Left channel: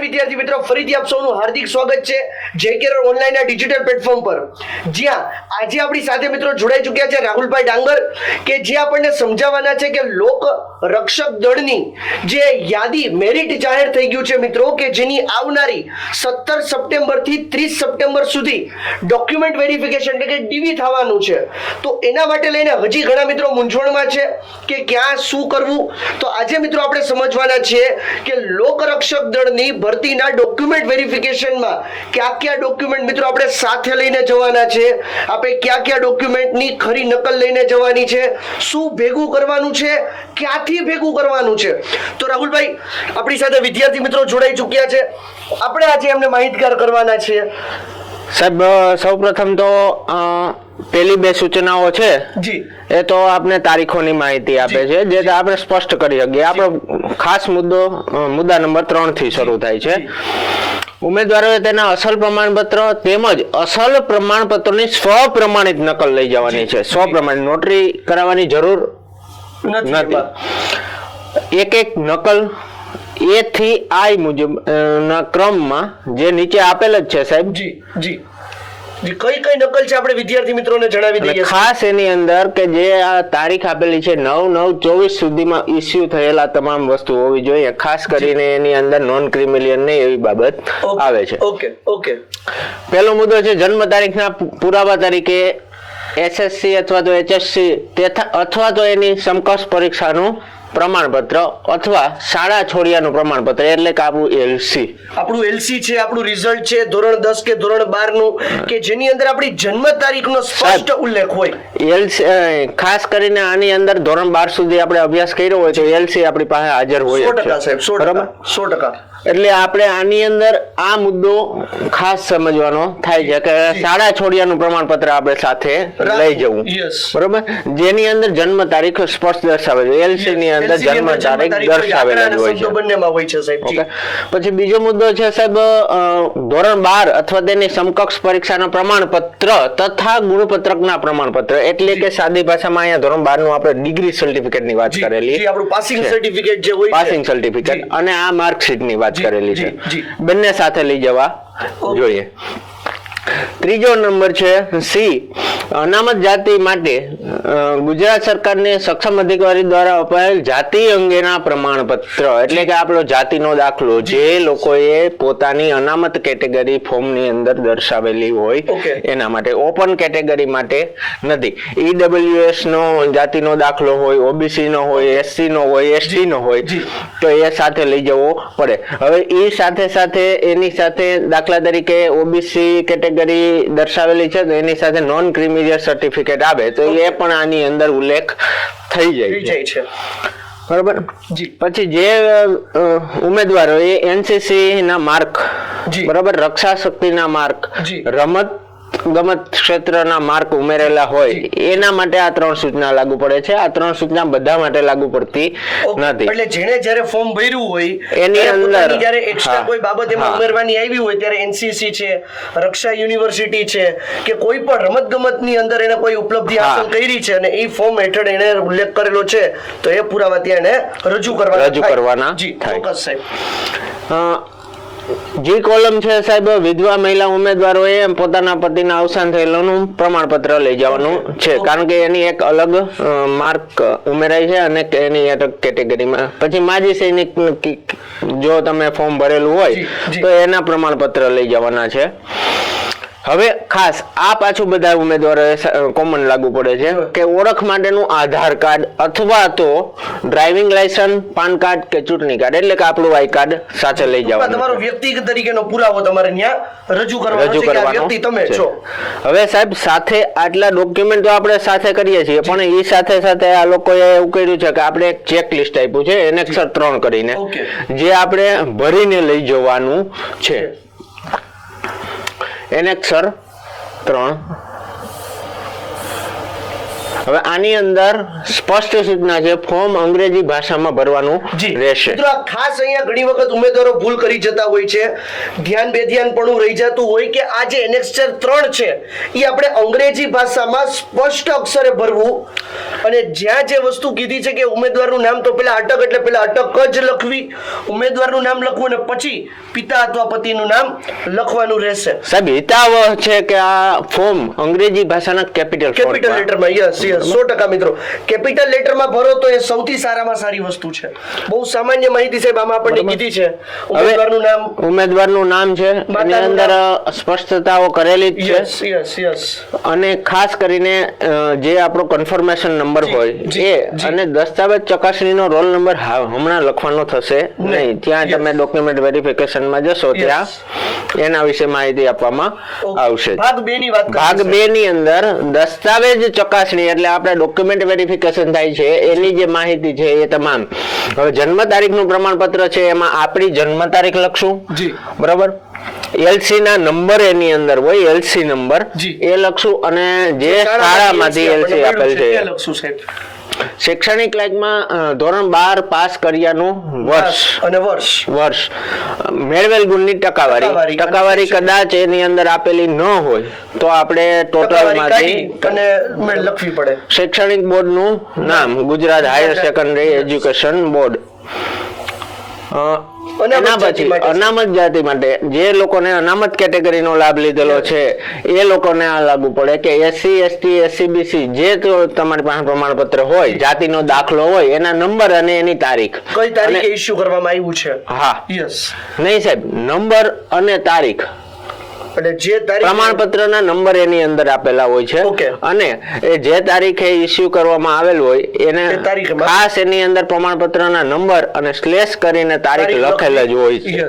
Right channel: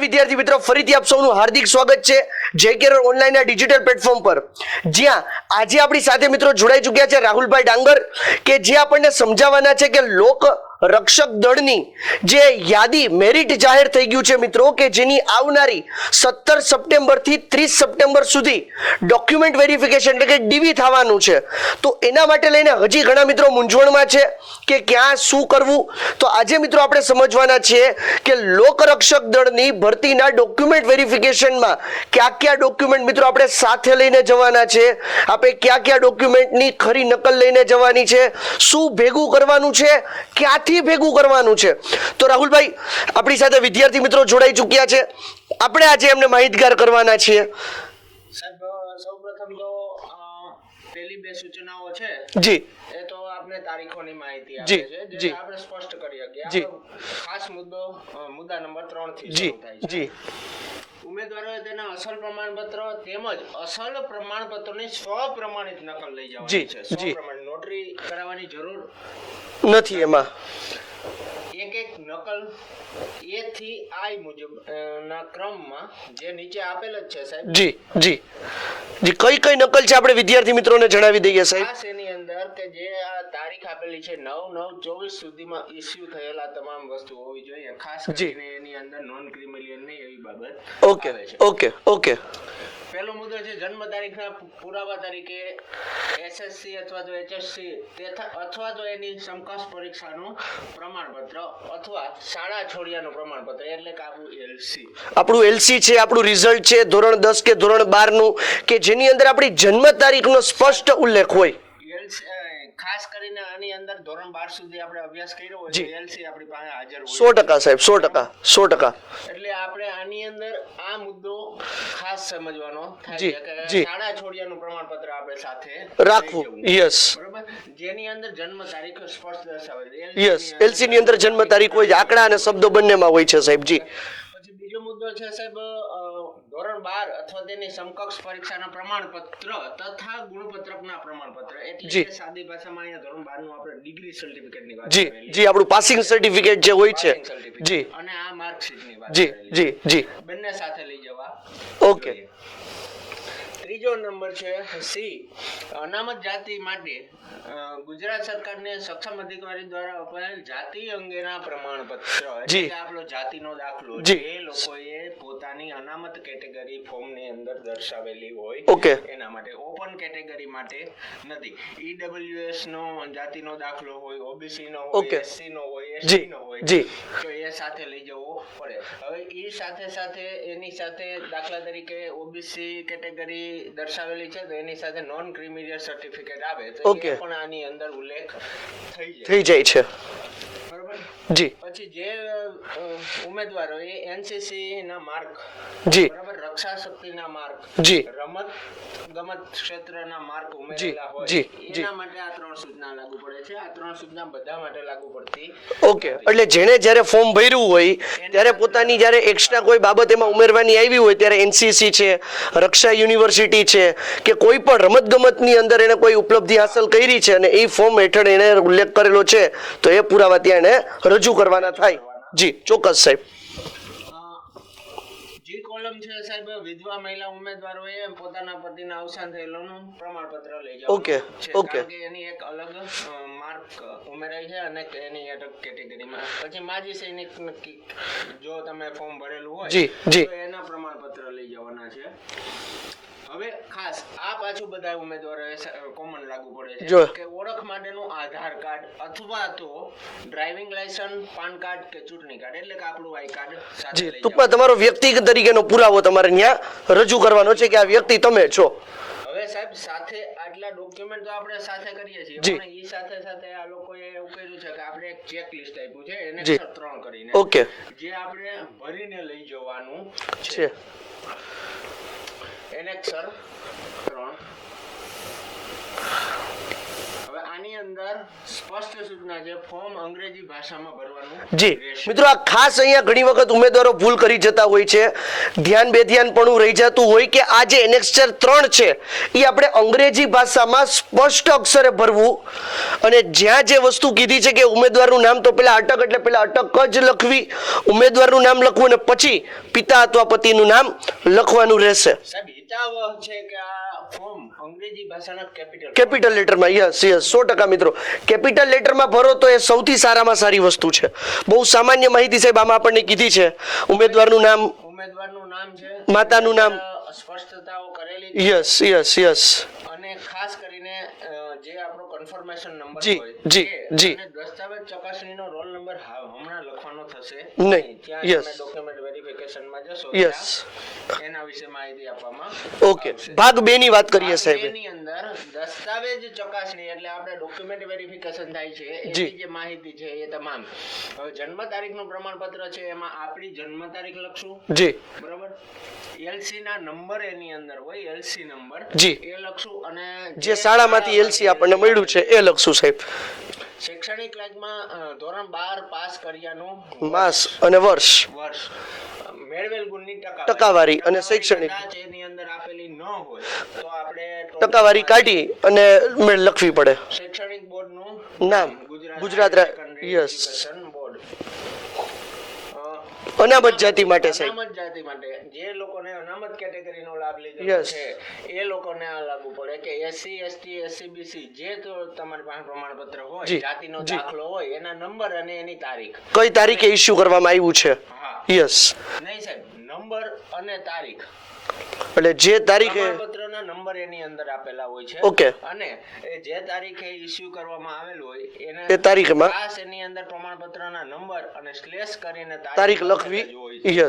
વિદ્યાર્થી મિત્રો ફરીથી આપ સૌનું હાર્દિક સ્વાગત છે. જે કેર ઓનલાઈન ના ડિજિટલ પ્લેટફોર્મ પર. જ્યાં આજે આપણી સાથે મિત્રો જોડાઈ ચૂક્યા છે રાહુલભાઈ ડાંગર, કે જે આપણને સમજાવવાના છે કે લોક રક્ષક દળની જે યાદી મેરિટ જાહેર થઈ ગયું છે મિત્રો, કે જેની આવનારી સત્તર સપ્ટેમ્બરથી ત્રીસ સપ્ટેમ્બર સુધી ડોક્યુમેન્ટ વેરિફિકેશન એટલે કે ડીવી થવાનું છે. તો એના માટે લઈને હજી ઘણા મિત્રો મૂંઝવણમાં છે કે ક્યાં શું કરવું? તો આજે મિત્રો આપણે સમજવાના છીએ કે લોકરક્ષક દળની ભરતીના ડોક્યુમેન્ટ વેરિફિકેશનમાં કયા કયા ડોક્યુમેન્ટ મિત્રો આપણે સાથે લઈને જવાના છે? આપણે કયા કયા ડોક્યુમેન્ટની ખરી નકલ લઈને જવાની છે? શું ભેગું કરવાનું છે? ક્યાંથી ભેગું કરવાનું છે? તો રાહુલભાઈ આપણી સાથે વિદ્યાર્થી મિત્રો જોડાઈ ચૂક્યા છે. આપણે આજે એમને માહિતગાર કરવાના છીએ સાહેબ સૌપ્રથમ તો પેલી બે સૂચનાઓ છે. જી. એ તો આપને તારીખોની માહિતી આપે છે જે આપણે સ્પષ્ટ કરી શકીએ. આપણો ખાસ મુદ્દો મુદ્દા નંબર ત્રણથી શરૂ થાય છે. ઉમેદવારોએ તેના અસલ પ્રમાણપત્ર તેમજ અસલ પ્રમાણપત્રની સ્વપ્રમાણિત નકલ લઈ જવાની છે. સ્વપ્રમાણિત નોટરી કરાવવાની જરૂર નથી નથી. એક એક નકલ એ થી આઈ મુજબ ના ક્રમમાં જે નીચે આપેલ જ છે સાહેબ. જી જી. જી કઈ કઈ નકલ છે આપણે વિદ્યાર્થી મિત્રોને જણાવી દઈએ ખાસ એની અંદર કે જે આ તારીખ આપેલી છે નવ નવ ચોવીસ સુધીમાં ઇસ્યુ થયેલા તમામ વસ્તુ હોવી જોઈએ. ખાસ કરીને એની અંદર નોન ક્રિમિલિયન ને એવી બાબત આવે છે. Okay okay. પહેલો મુદ્દો છે જન્મ તારીખના પુરાવા તરીકે એસએસસી અથવા તો એચએસસી અથવા તો એની સમકક્ષ પરીક્ષાનું પ્રમાણપત્ર અથવા શાળા છોડ્યાનું પ્રમાણપત્ર એટલે કે આપણું એલસી આપણું એલસી છે આપણું રિઝલ્ટ છે ધોરણ દસ કે ધોરણ બારનું કે જેની અંદર આપણી જન્મ તારીખનો સ્પષ્ટ ઉલ્લેખ હોય. એલસી ખાસ કરીને આની અંદર ધોરણ બાર સુધી આપણે અભ્યાસ કર્યો હોય તો એલસી આપણી પાસે હાજર હોય સો. ટકા સાહેબ સો? ટકા સો ટકા. એટલે આપણે આની અંદર આ મુદ્દો ખાસ સમજવાનો થાય છે કે. શાળા છોડ્યાનું પ્રમાણપત્ર આપણે સાથે લઈ. જવું. બરોબર? જેની અંદર જન્મ તારીખ સ્પષ્ટ દર્શાવે છે. એલસી ની અંદર જન્મ તારીખ તારીખ હોય છે, આંકડા અને શબ્દો બંનેમાં હોય છે સાહેબ પછી બીજો મુદ્દો છે સાહેબ ધોરણ બાર અથવા તેની સમકક્ષ પરીક્ષાના પ્રમાણપત્ર તથા ગુણપત્રકના પ્રમાણપત્ર. એટલે કે સાદી ભાષામાં અહીંયા ધોરણ બારનું આપણે ડિગ્રી સર્ટિફિકેટની વાત કરેલી. આપણું પાસિંગ સર્ટિફિકેટ જે હોય છે. પાસિંગ સર્ટિફિકેટ અને આ માર્કશીટની વાત કરેલી છે. બંને સાથે લઈ જવા. જોઈએ. ત્રીજો નંબર છે સી. અનામત જાતિ માટે ગુજરાત સરકારને સક્ષમ અધિકારી દ્વારા અપાયેલ જાતિ અંગેના પ્રમાણપત્ર એટલે કે આપણો જાતિનો દાખલો જે. લોકોએ પોતાની અનામત કેટેગરી ફોર્મની અંદર દર્શાવેલી હોય. એના માટે ઓપન કેટેગરી માટે નથી. ઈડબ્લ્યુએસ નો જાતિનો દાખલો હોય ઓબીસી નો હોય એસસી નો હોય એસટી નો હોય તો એ સાથે લઈ જવો પડે. હવે એ સાથે સાથે એની સાથે દાખલા તરીકે ઓબીસી કેટેગરી દર્શાવેલી છે તો એની સાથે નોન ક્રિમિલિયર સર્ટિફિકેટ આવે તો એ પણ આની અંદર ઉલ્લેખ થઈ જાય થઈ છે. જાય છે. બરાબર? જી. પછી જે ઉમેદવારો એ એનસીસી ના માર્ક જી. બરાબર? રક્ષા શક્તિના માર્ક જી. રમત ગમત ક્ષેત્રના માર્ક ઉમેરેલા હોય એના માટે આ ત્રણ સૂચના લાગુ પડે છે. આ ત્રણ સૂચના બધા માટે લાગુ પડતી નથી. એટલે જેણે જ્યારે ફોર્મ ભર્યું હોય એની અંદર, જ્યારે એક્સ્ટ્રા કોઈ બાબત એમાં ઉમેરવાની આવી હોય ત્યારે એનસીસી છે રક્ષા યુનિવર્સિટી છે કે કોઈ પણ રમત ગમતની અંદર એને કોઈ ઉપલબ્ધિ. હાંસલ કરી છે અને એ ફોર્મ હેઠળ એને ઉલ્લેખ કરેલો છે તો એ પુરાવા ત્યાં એને રજૂ કરવાના રજૂ કરવાના જી ચોક્કસ સાહેબ. જી કોલમ છે સાહેબ વિધવા મહિલા ઉમેદવારોએ પોતાના પતિના અવસાન થયેલાનું પ્રમાણપત્ર લઈ જવાનું છે. કારણ કે એની એક અલગ માર્ક ઉમેરાય છે અને એની અલગ કેટેગરીમાં. પછી માજી સૈનિક જો તમે ફોર્મ ભરેલું હોય. તો એના પ્રમાણપત્ર લઈ જવાના છે. હવે ખાસ આ પાછું બધા ઉમેદવારોએ કોમન લાગુ પડે છે કે ઓળખ માટેનું આધાર કાર્ડ અથવા તો ડ્રાઇવિંગ લાયસન્સ પાન કાર્ડ કે ચૂંટણી કાર્ડ એટલે કે આપણું આઈ કાર્ડ સાથે લઈ જવાનું તમારો વ્યક્તિગત તરીકેનો પુરાવો તમારે ત્યાં રજૂ કરવાનો છે કે આ વ્યક્તિ તમે છો. હવે સાહેબ સાથે આટલા ડોક્યુમેન્ટ તો આપણે સાથે કરીએ છીએ પણ એ સાથે સાથે આ લોકોએ એવું કર્યું છે કે આપણે એક ચેક લિસ્ટ આપ્યું છે એને ત્રણ કરીને જે આપણે ભરીને લઈ જવાનું છે. એનેક્સર ત્રણ હવે આની અંદર સ્પષ્ટ સૂચના છે ફોર્મ અંગ્રેજી ભાષામાં ભરવાનું રહેશે. મિત્રો ખાસ અહીંયા ઘણી વખત ઉમેદવારો ભૂલ કરી જતા હોય છે. ધ્યાન બેધ્યાન પણ રહી જતું હોય કે આ જે એનેક્સચર ત્રણ છે એ આપણે અંગ્રેજી ભાષામાં સ્પષ્ટ અક્ષરે ભરવું. અને જ્યાં જે વસ્તુ કીધી છે કે ઉમેદવારનું નામ તો પેલા અટક એટલે પેલા અટક જ લખવી. ઉમેદવારનું નામ લખવું અને પછી પિતા અથવા પતિનું નામ લખવાનું રહેશે. સાહેબ હિતાવહ છે કે આ ફોર્મ અંગ્રેજી ભાષાના કેપિટલ કેપિટલ લેટરમાં યસ યસ સો ટકા મિત્રો. કેપિટલ લેટરમાં ભરો તો એ સૌથી સારામાં સારી વસ્તુ છે. બહુ સામાન્ય માહિતી સાહેબ આમાં આપણને કીધી છે. ઉમેદવારનું નામ? ઉમેદવારનું નામ છે. માતાનું નામ. સ્પષ્ટતાઓ કરેલી છે. Yes yes yes. અને ખાસ કરીને જે આપણો કન્ફર્મેશન નંબર હોય એ અને દસ્તાવેજ ચકાસણીનો રોલ નંબર હમણાં લખવાનો થશે. નહીં ત્યાં તમે ડોક્યુમેન્ટ વેરિફિકેશનમાં જશો. ત્યાં. એના વિશે માહિતી આપવામાં આવશે. ભાગ બે ની વાત ભાગ સાહેબ. બે ની અંદર દસ્તાવેજ ચકાસણી એટલે આપણે ડોક્યુમેન્ટ વેરિફિકેશન થાય છે એની જે. માહિતી છે એ તમામ. હવે જન્મ તારીખનું પ્રમાણપત્ર છે એમાં આપણી જન્મ તારીખ લખશું. જી. બરાબર? એલસી ના નંબર એની અંદર હોય એલસી નંબર. જી. એ લખશું અને જે શાળામાંથી એલસી આપેલ છે. એ લખશું સાહેબ. શૈક્ષણિક લાઈફમાં ધોરણ બાર પાસ કર્યાનું વર્ષ. અને વર્ષ. વર્ષ. મેળવેલ ગુણની ટકાવારી. ટકાવારી. કદાચ એની અંદર આપેલી ન હોય તો આપણે ટોટલમાંથી અને લખવી પડે. શૈક્ષણિક બોર્ડનું નામ Gujarat higher secondary education board. અનામત જાતિ માટે જે લોકોને અનામત કેટેગરીનો લાભ લીધેલો છે એ લોકોને આ લાગુ પડે કે એસસી એસટી એસસીબીસી જે તમારી પાસે પ્રમાણપત્ર હોય જાતિનો દાખલો હોય એના નંબર અને એની તારીખ. કઈ તારીખે ઇશ્યુ કરવામાં આવ્યું છે? હા. યસ નહીં સાહેબ નંબર અને તારીખ. એટલે જે તારીખ પ્રમાણપત્રના નંબર એની અંદર આપેલા હોય છે. અને એ જે તારીખે ઇસ્યુ કરવામાં આવેલ હોય એને તારીખ ખાસ એની અંદર પ્રમાણપત્રના નંબર અને સ્લેશ કરીને તારીખ લખેલ જ હોય છે.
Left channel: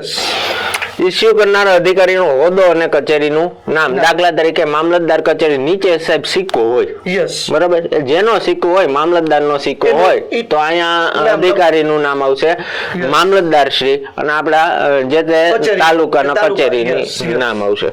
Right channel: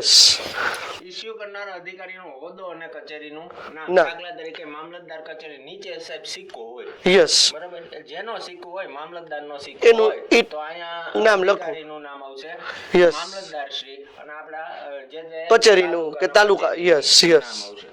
ઇસ્યુ કરનાર અધિકારીનો હોદ્દો અને કચેરીનું નામ. દાખલા તરીકે મામલતદાર કચેરી નીચે સાહેબ સિક્કો હોય. યસ બરાબર? જેનો સિક્કો હોય મામલતદારનો સિક્કો હોય તો અહીંયા અધિકારીનું નામ આવશે. મામલતદાર શ્રી અને આપણા જે તે તાલુકાના કચેરીની yes. નામ આવશે.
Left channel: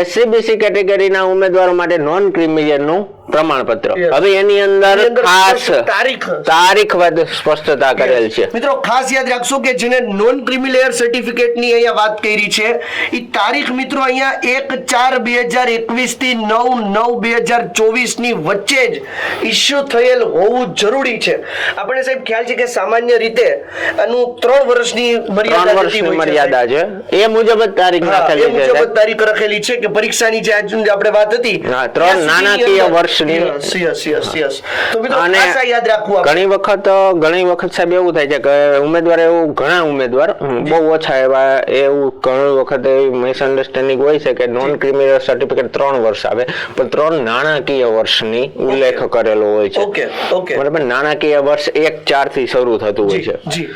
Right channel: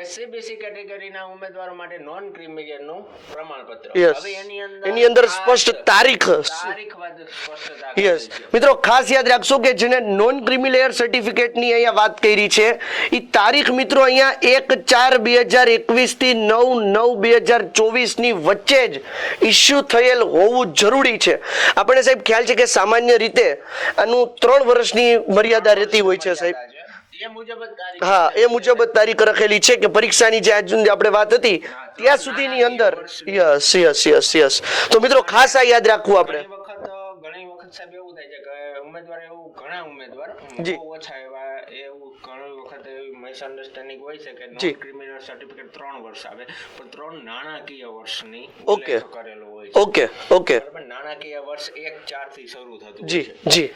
એસસીબીસી કેટેગરીના ઉમેદવારો માટે નોન ક્રિમિલિયનનું પ્રમાણપત્ર હવે એની અંદર ખાસ તારીખ તારીખ સ્પષ્ટતા કરેલ છે. મિત્રો ખાસ યાદ રાખશો કે જેને નોન ક્રિમિનલ સર્ટિફિકેટની અહીંયા વાત કરી છે એ તારીખ મિત્રો અહીંયા એક ચાર બે હજાર એકવીસથી નવ નવ બે હજાર ચોવીસની વચ્ચે જ ઇસ્યુ થયેલ હોવું જરૂરી છે. આપણે સાહેબ ખ્યાલ છે કે સામાન્ય રીતે આનું ત્રણ વર્ષની મર્યાદા છે મર્યાદા છે. એ મુજબ જ તારીખ હા, એ મુજબ તારીખ રાખેલી છે. કે પરીક્ષાની જે આજની આપણે વાત હતી ત્રણ નાણાકીય વર્ષની. Yes yes yes. તો મિત્રો ખાસ આ યાદ રાખવું ઘણી વખત ઘણી વખત સાહેબ એવું થાય છે કે ઉમેદવાર એવું ઘણા ઉમેદવાર બહુ ઓછા એવા એવું ઘણી વખત એવી મિસઅન્ડરસ્ટેન્ડિંગ હોય છે કે નોન ક્રિમિનલ સર્ટિફિકેટ ત્રણ વર્ષ આવે પણ ત્રણ નાણાકીય વર્ષની ઉલ્લેખ કરેલો હોય છે. Okay okay. બરાબર નાણાકીય વર્ષ એક ચારથી શરૂ થતું હોય છે. જી.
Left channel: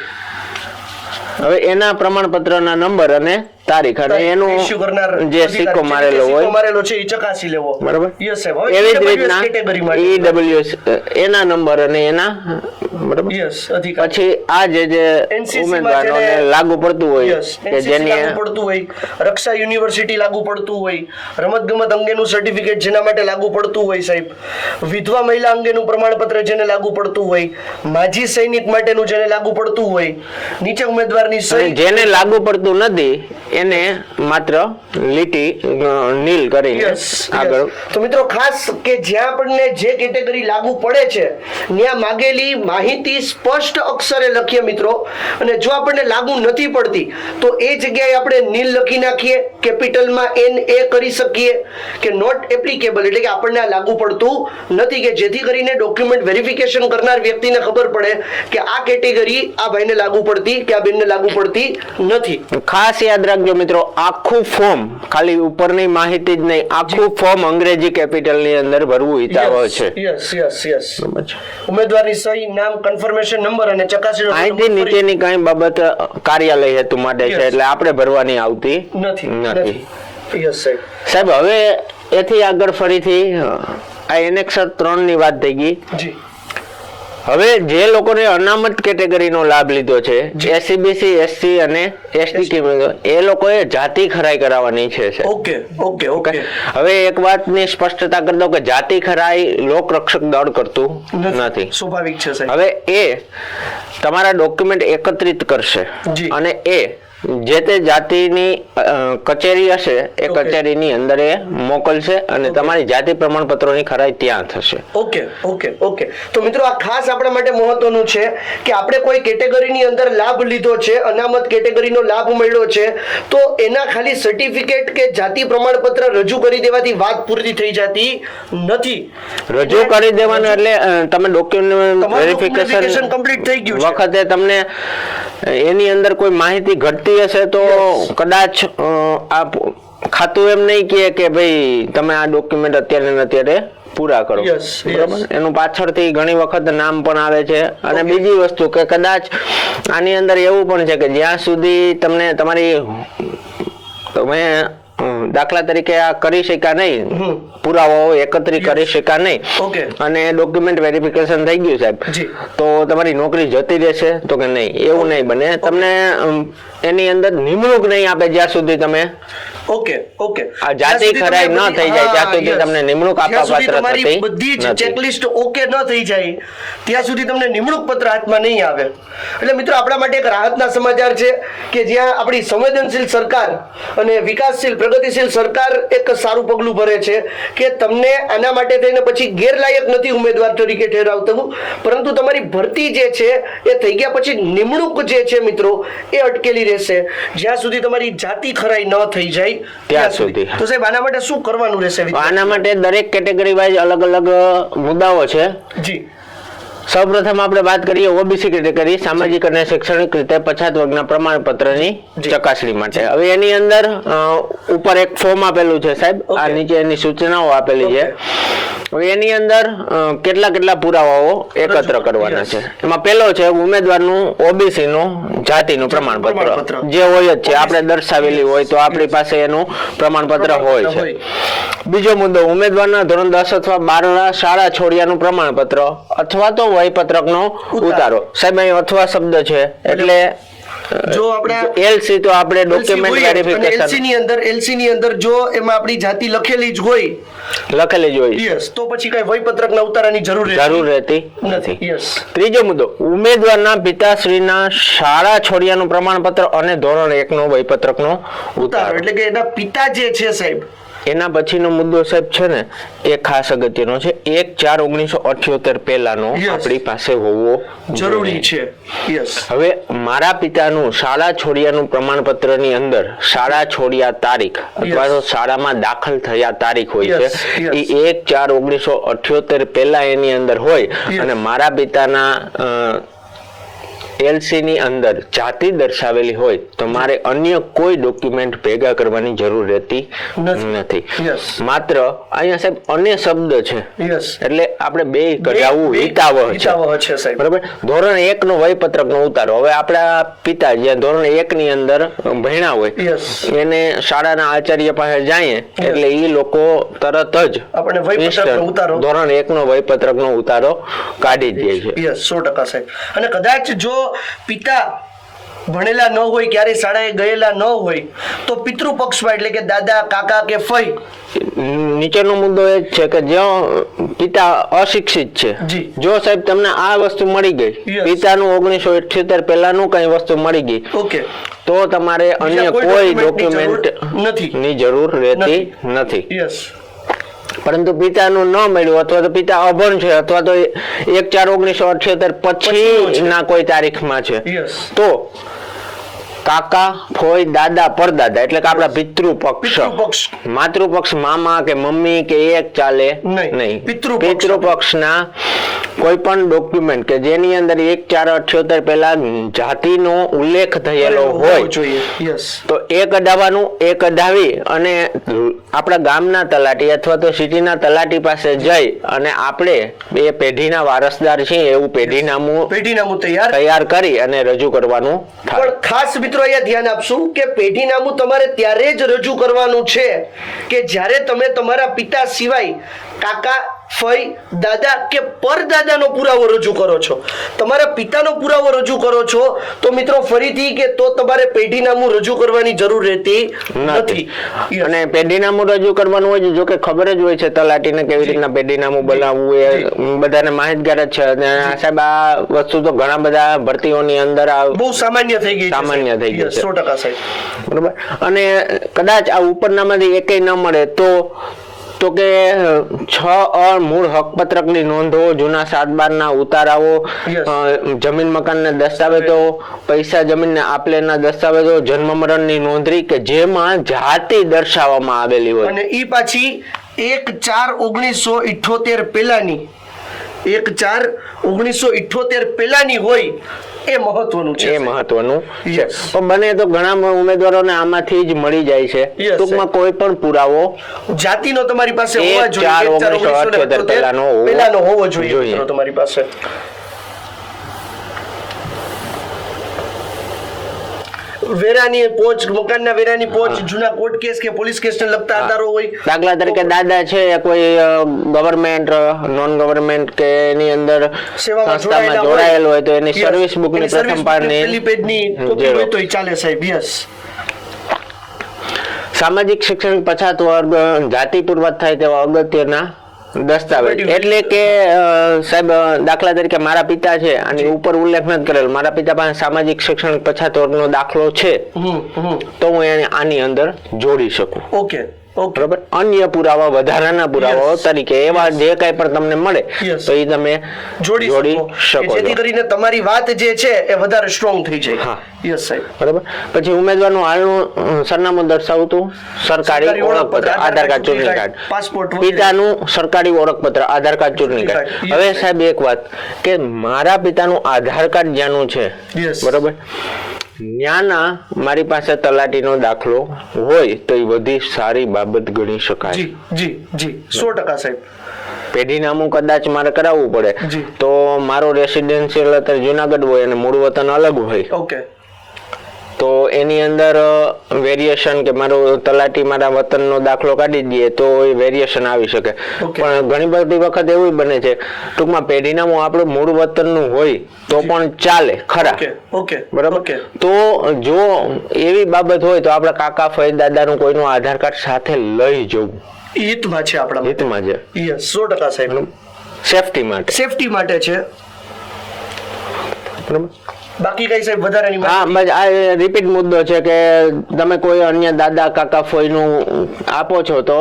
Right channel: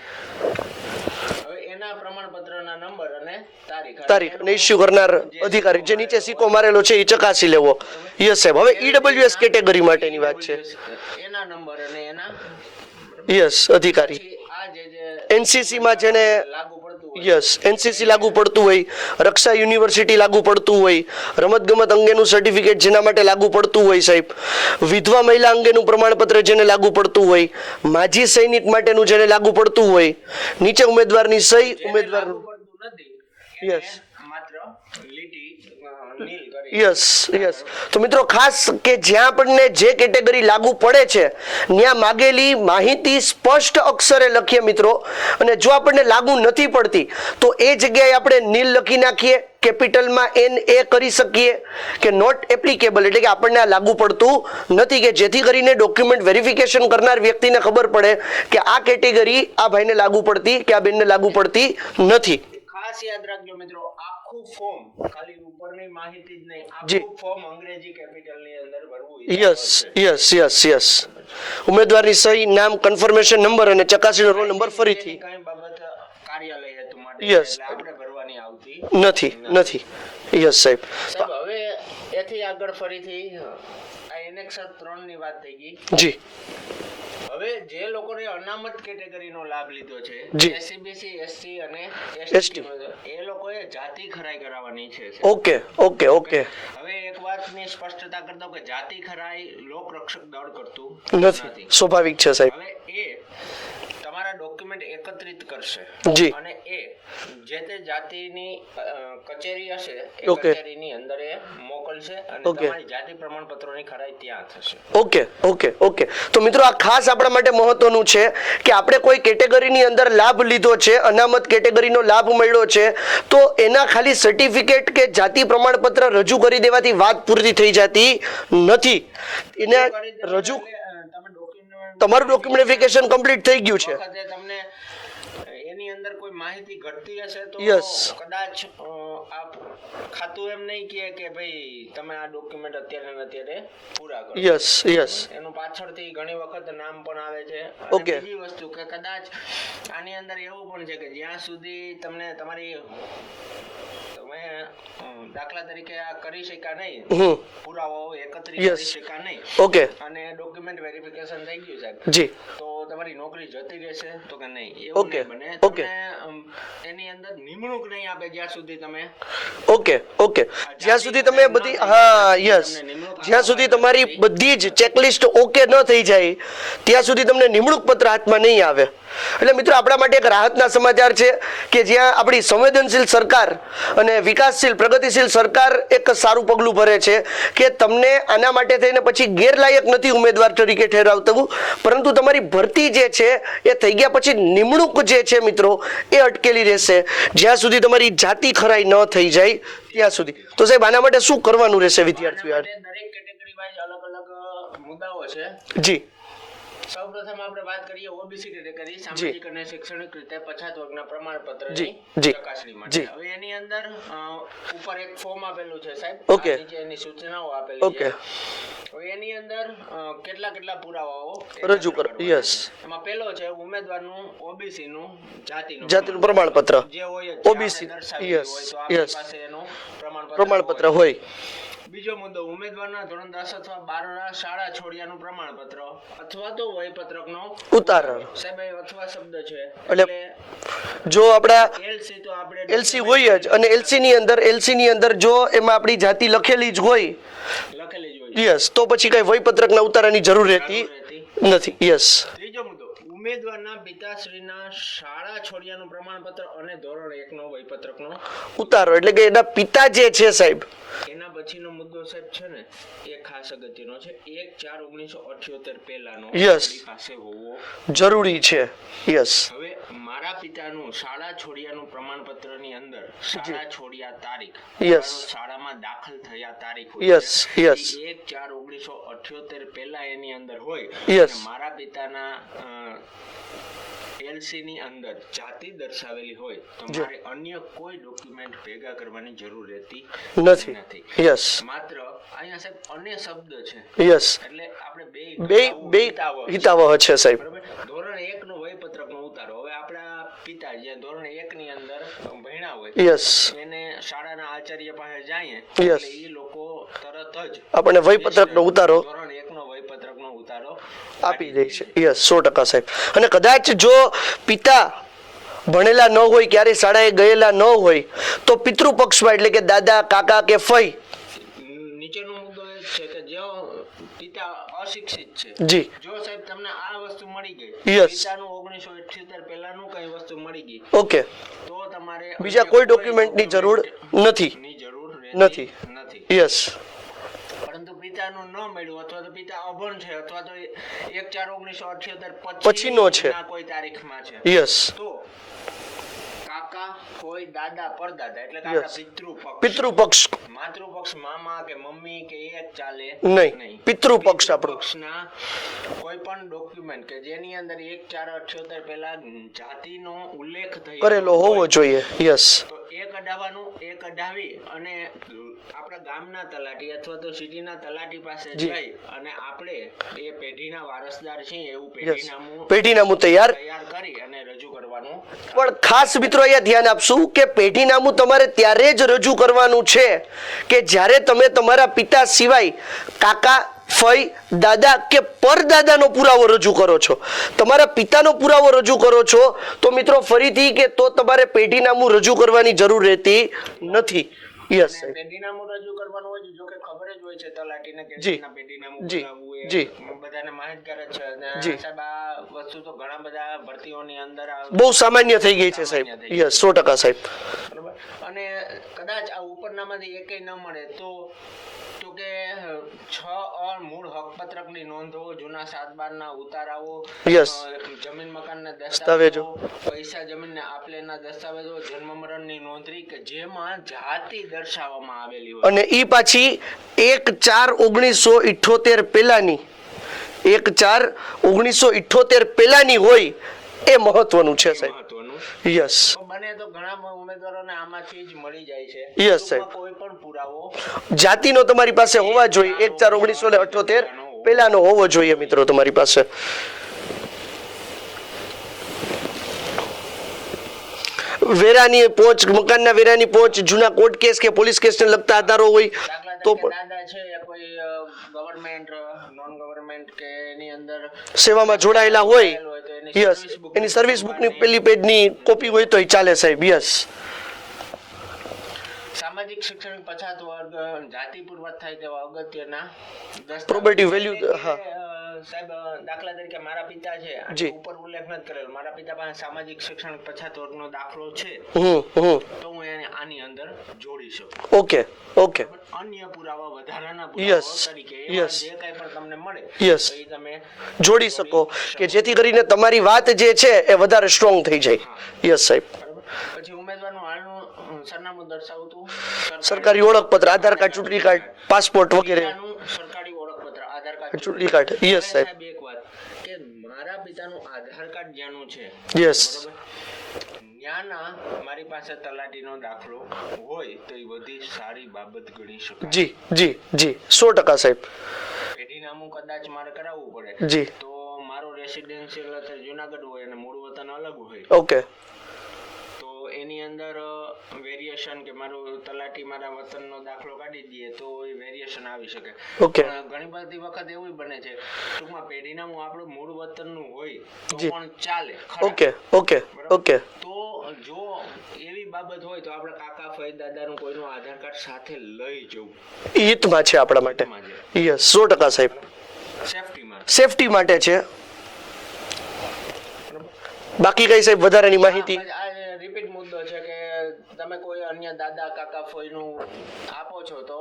હવે એના પ્રમાણપત્રના નંબર અને તારીખ અને એનું ઇશ્યુ કરનાર જે સિક્કો મારેલો હોય. સિક્કો મારેલો છે એ ચકાસી લેવો. બરાબર. યસ સાહેબ. હવે રીતના કેટેગરી માટે EWS, એના નંબર અને એના બરાબર? યસ અધિકારી. પછી આ જે જે એનસીસી માં જેને લાગુ પડતું હોય યસ એનસીસી લાગુ પડતું હોય રક્ષા યુનિવર્સિટી લાગુ પડતું હોય રમતગમત અંગેનું સર્ટિફિકેટ જેના માટે લાગુ પડતું હોય સાહેબ. વિધવા મહિલા અંગેનું પ્રમાણપત્ર જેને લાગુ પડતું હોય માજી સૈનિક માટેનું જેને લાગુ પડતું હોય નીચે ઉમેદવારની સહી જેને લાગુ પડતું નથી એને માત્ર લીટી નીલ કરી યસ આગળ તો મિત્રો ખાસ કે જ્યાં આપણને જે કેટેગરી લાગુ પડે છે ત્યાં માગેલી માહિતી સ્પષ્ટ અક્ષરે લખીએ મિત્રો. અને જો આપણને લાગુ નથી પડતી તો એ જગ્યાએ આપણે નીલ લખી નાખીએ કેપિટલમાં એન એ કરી શકીએ કે નોટ એપ્લિકેબલ એટલે કે આપણને આ લાગુ પડતું નથી કે જેથી કરીને ડોક્યુમેન્ટ વેરિફિકેશન કરનાર વ્યક્તિને ખબર પડે કે આ કેટેગરી આ ભાઈને લાગુ પડતી કે આ બેનને લાગુ પડતી નથી. ખાસ યાદ રાખજો મિત્રો આખું ફોર્મ ખાલી ઉપરની માહિતી જ નહીં આખું ફોર્મ અંગ્રેજી કેપિટલની અંદર ભરવું હિતાવ છે. યસ યસ યસ ઉમેદવારની સહી નામ કન્ફર્મેશન નંબર અને ચકાસણીનો નંબર નીચેની કઈ બાબત કાર્યાલય હેતુ માટે છે એટલે આપણે ભરવાની આવતી નથી નથી. યસ સાહેબ. સાહેબ હવે એથી આગળ ફરીથી આ એનેક્સર ત્રણની વાત થઈ ગઈ. જી. હવે જે લોકોને અનામત કેટેગરીનો લાભ લીધો છે એસસીબીસી એસસી અને એસટી એ લોકોએ જાતિ ખરાઈ કરાવવાની છે ઓકે ઓકે ઓકે. હવે એક વાતની સ્પષ્ટતા કરી દઉં કે જાતિ ખરાઈ લોક રક્ષક દળ કરતું નથી. સ્વાભાવિક છે સાહેબ. હવે એ તમારા ડોક્યુમેન્ટ એકત્રિત કરશે. અને એ જે તે જાતિની કચેરી હશે એ કચેરીની અંદર એ મોકલશે અને તમારી જાતિ પ્રમાણપત્રોની ખરાઈ ત્યાં થશે. ઓકે ઓકે ઓકે તો મિત્રો આ ખાસ આપણા માટે મહત્વનું છે કે આપણે કોઈ કેટેગરીની અંદર લાભ લીધો છે અનામત કેટેગરીનો લાભ મળ્યો છે તો એના ખાલી સર્ટિફિકેટ કે જાતિ પ્રમાણપત્ર રજૂ કરી દેવાથી વાત પૂરી થઈ જતી નથી. રજૂ કરી દેવાનું એટલે તમે ડોક્યુમેન્ટ વેરિફિકેશન કમ્પ્લીટ થઈ ગયું છે. વખતે તમને એની અંદર કોઈ માહિતી ઘટતી હશે તો કદાચ આ ખાતું એમ નહીં કહે કે ભાઈ તમે આ ડોક્યુમેન્ટ અત્યારે ને અત્યારે પૂરા કરો? એનું પાછળથી ઘણી વખત નામ પણ આવે છે. અને બીજી વસ્તુ કે કદાચ આની અંદર એવું પણ છે કે જ્યાં સુધી તમને તમારી તમે દાખલા તરીકે આ કરી શક્યા નહીં. પુરાવાઓ એકત્રિત કરી શક્યા નહીં. ઓકે અને ડોક્યુમેન્ટ વેરિફિકેશન થઈ ગયું સાહેબ. તો તમારી નોકરી જતી રહેશે? તો કે નહીં? એવું નહીં બને. તમને એની અંદર નિમણૂક નહીં આપે જ્યાં સુધી તમે ઓકે ઓકે આ જાતિ ખરાઈ ન થઈ જાય, ત્યાં સુધી તમને નિમણૂક આપવા પાત્ર તમારી બધી જ ચેકલિસ્ટ ઓકે ન થઈ જાય ત્યાં સુધી તમને નિમણૂક પત્ર હાથમાં નહીં આવે. એટલે મિત્રો આપણા માટે એક રાહતના સમાચાર છે કે જ્યાં આપણી સંવેદનશીલ સરકાર અને વિકાસશીલ પ્રગતિશીલ સરકાર એક સારું પગલું ભરે છે કે તમને આના માટે થઈને પછી ગેરલાયક નથી ઉમેદવાર તરીકે ઠેરાવતું. પરંતુ તમારી ભરતી જે છે એ થઈ ગયા પછી નિમણૂક જે છે મિત્રો એ અટકેલી રહેશે. જ્યાં સુધી તમારી જાતિ ખરાઈ ન થઈ જાય ત્યાં સુધી. તો સાહેબ આના માટે શું કરવાનું રહેશે આના માટે દરેક કેટેગરી વાઇઝ અલગ અલગ મુદ્દાઓ છે. જી. સૌપ્રથમ આપણે વાત કરીએ ઓબીસી કેટેગરી સામાજિક અને શૈક્ષણિક રીતે પછાત વર્ગના પ્રમાણપત્રની. ચકાસણી માટે. હવે એની અંદર ઉપર એક ફોર્મ આપેલું છે સાહેબ. આ નીચે એની સૂચનાઓ આપેલી છે. હવે એની અંદર કેટલા કેટલા પુરાવાઓ એકત્ર કરવાના છે. એમાં પેલો છે ઉમેદવારનું ઓબીસી નું જાતિનું પ્રમાણપત્ર. જે હોય જ છે આપણે દર્શાવેલી હોય તો આપણી પાસે એનું પ્રમાણપત્ર હોય. છે. બીજો મુદ્દો ઉમેદવારના ધોરણ દસ અથવા બારના શાળા છોડ્યાનું પ્રમાણપત્ર અથવા તો વયપત્રકનો. ઉતારો. સાહેબ અહીં અથવા શબ્દ છે એટલે જો આપણા એલસી તો આપણે ડોક્યુમેન્ટ અને એલસી ની અંદર એલસી ની અંદર જો એમાં આપણી જાતિ લખેલી જ હોય લખેલી જ હોય. યસ તો પછી કઈ વયપત્રક ના ઉતારાની જરૂર જરૂર રહેતી નથી. યસ. ત્રીજો મુદ્દો ઉમેદવારના પિતાશ્રીના શાળા છોડ્યાનું પ્રમાણપત્ર અને ધોરણ એકનો વયપત્રકનો નો ઉતારો. એટલે કે એના પિતા જે છે સાહેબ એના પછીનો મુદ્દો સાહેબ છે ને એ ખાસ અગત્યનો છે. એક ચાર ઓગણીસો અઠ્યોતેર પહેલાનો. આપણી પાસે હોવો જરૂરી છે. યસ હવે મારા પિતાનું શાળા છોડ્યાનું પ્રમાણપત્રની અંદર શાળા છોડ્યા તારીખ અથવા તો શાળામાં દાખલ થયા તારીખ હોય છે. એ એક ચાર ઓગણીસો અઠ્યોતેર પહેલા એની અંદર હોય અને મારા પિતાના એલસી ની અંદર જાતિ દર્શાવેલી હોય તો મારે અન્ય કોઈ ડોક્યુમેન્ટ ભેગા કરવાની જરૂર રહેતી નથી. માત્ર અહીંયા સાહેબ અન્ય શબ્દ છે. યસ એટલે આપણે બે કરાવવું હિતાવહ હિતાવહ છે સાહેબ. બરાબર? ધોરણ એક નો વયપત્રક નો ઉતારો. હવે આપણા પિતા જ્યાં ધોરણ એક ની અંદર ભણ્યા હોય યસ એને શાળાના આચાર્ય પાસે જાઈએ એટલે એ લોકો તરત જ આપણને વયપત્રકનો ઉતારો. ધોરણ એક નો વયપત્રક નો ઉતારો કાઢી દે છે. યસ સો ટકા સાહેબ. અને કદાચ જો પિતા ભણેલા ન હોય ક્યારે શાળાએ ગયેલા ન હોય તો પિતૃપક્ષમાં એટલે કે દાદા કાકા કે ફઈ નીચેનો મુદ્દો એ છે કે જો પિતા અશિક્ષિત છે જી. જો સાહેબ તમને આ વસ્તુ મળી ગઈ. પિતાનું ઓગણીસો અઠ્યોતેર પહેલાનું કઈ વસ્તુ મળી ગઈ ઓકે તો તમારે અન્ય કોઈ ડોક્યુમેન્ટ નથી. ની જરૂર રહેતી નથી યસ પરંતુ પિતાનું ન મળ્યું અથવા તો પિતા અભણ છે અથવા તો એક ચાર ઓગણીસો અઠ્યોતેર પછી ના કોઈ તારીખમાં છે. તો કાકા ફોઈ દાદા પરદાદા એટલે કે આપણા પિતૃપક્ષ. પિતૃપક્ષ. માતૃપક્ષ મામા કે મમ્મી કે એક ચાલે? નહીં. પિતૃપક્ષ. પિતૃપક્ષના કોઈ પણ ડોક્યુમેન્ટ કે જેની અંદર એક ચાર અઠ્યોતેર પહેલા જાતિનો ઉલ્લેખ થયેલો હોય જોઈએ. યસ તો એ કઢાવવાનું એ કઢાવી અને આપણા ગામના તલાટી અથવા તો સિટીના તલાટી પાસે જઈ અને આપણે એ પેઢીના વારસદાર છીએ એવું પેઢીનામું પેઢીનામું તૈયાર તૈયાર કરી અને રજૂ કરવાનું પણ ખાસ મિત્રો અહીંયા ધ્યાન આપશું કે પેઢીનામું તમારે ત્યારે જ રજૂ કરવાનું છે કે જ્યારે તમે તમારા પિતા સિવાય કાકા ફઈ દાદા કે પરદાદાનો પુરાવો રજૂ કરો છો? તમારા પિતાનો પુરાવો રજૂ કરો છો? તો મિત્રો ફરીથી કે તો તમારે પેઢીનામું રજૂ કરવાની જરૂર રહેતી નથી. અને પેઢીનામું રજૂ કરવાનું હોય જો કે ખબર જ હોય છે તલાટીને કેવી રીતના પેઢીનામું બનાવવું એ બધાને માહિતગાર જ છે. અને સાહેબ આ વસ્તુ તો ઘણા બધા ભરતીઓની અંદર આ બહુ સામાન્ય થઈ ગઈ છે સામાન્ય થઈ ગઈ Yes, છે. સો ટકા સાહેબ. બરોબર? અને કદાચ આ ઉપરનામાંથી એકેય ન મળે તો તો કે છ અ મૂળ હકપત્રકની નોંધો જૂના સાતબારના ઉતારાઓ જમીન મકાનના દસ્તાવેજો પૈસા જમીનને આપલેના દસ્તાવેજો જન્મ મરણની નોંધણી કે જેમાં જાતિ દર્શાવવામાં આવેલી હોય. અને એ પાછી એક ચાર ઓગણીસો ઇઠોતેર પેલાની એક ચાર ઓગણીસો ઇઠોતેર પેલાની હોય એ મહત્વનું છે એ. મહત્વનું. યસ બને તો ઘણા ઉમેદવારોને આમાંથી જ મળી જાય છે. ટૂંકમાં કોઈ પણ પુરાવો જાતિનો તમારી પાસે હોવા જોઈએ પહેલાનો હોવો જોઈએ. મિત્રો તમારી પાસે. વેરાની પોચ મકાનના વેરાની પોચ જૂના કોર્ટ કેસ કે પોલીસ કેસને લગતા આધારો હોય દાખલા તરીકે દાદા છે કોઈ ગવર્મેન્ટ નોન ગવર્મેન્ટ કે એની અંદર સેવામાં જોડાયેલા હોય હોય તો એની સર્વિસ બુક એની ની service પ્રથમ book ની પેજની કોપી હોય તો ચાલે સાહેબ યસ. સામાજિક શિક્ષણ પછાત વર્ગ જાતિ પૂર્વક થાય તેવા અગત્યના દસ્તાવેજ. એટલે કે સાહેબ દાખલા તરીકે મારા પિતા છે અને ઉપર ઉલ્લેખ નથી કરેલ. મારા પિતા પાસે સામાજિક શિક્ષણ પછાત વર્ગનો દાખલો છે. તો હું એને આની અંદર જોડી શકું. ઓકે. બરાબર? અન્ય પુરાવા વધારાના પુરાવાઓ તરીકે એવા જે કઈ પણ તમને મળે તો એ તમે જોડી શકો. જેથી કરીને તમારી વાત જે છે એ વધારે સ્ટ્રોંગ થઈ જાય. યસ સાહેબ. બરાબર? પછી ઉમેદવારનું હાલનું સરનામું દર્શાવતું સરકારી ઓળખપત્ર, આધાર કાર્ડ, ચૂંટણી કાર્ડ. પાસપોર્ટ પિતાનું સરકારી ઓળખપત્ર આધાર કાર્ડ ચૂંટણી કાર્ડ. હવે સાહેબ. સાહેબ એક વાત કે મારા પિતાનું આધાર કાર્ડ જ્યાંનું છે? યસ બરાબર? ન્યાના મારી પાસે તલાટીનો દાખલો હોય તો એ બધી સારી બાબત ગણી શકાય. જી જી જી. સો ટકા સાહેબ. પેઢીનામું કદાચ મારે કરાવવું પડે. તો મારો રેસિડેન્શિયલ અત્યારે જુનાગઢ હોય અને મૂળ વતન અલગ હોય. ઓકે તો એની અંદર વેરિએશન કે મારો તલાટી મારા વતનનો દાખલો કાઢી દઈએ તો એ વેરિએશન આવી શકે. પણ ઘણી બધી વખત એવું બને છે ટૂંકમાં પેઢીનામું આપણું મૂળ વતનનું હોય તો પણ ચાલે ખરા. ઓકે બરાબર? તો જો એવી બાબત હોય તો આપણા કાકા ફઈ દાદાનું કોઈનું આધાર કાર્ડ સાથે લઈ જવું. હિતમાં છે આપણા હિતમાં છે. સો ટકા સાહેબ. સેફટી માટે. સેફટી માટે છે. બરાબર? બાકી કઈ સાહેબ વધારાની હા રિપીટ મુદ્દો છે કે તમે કોઈ અન્ય દાદા કાકા ફોઈનું આપો છો તો.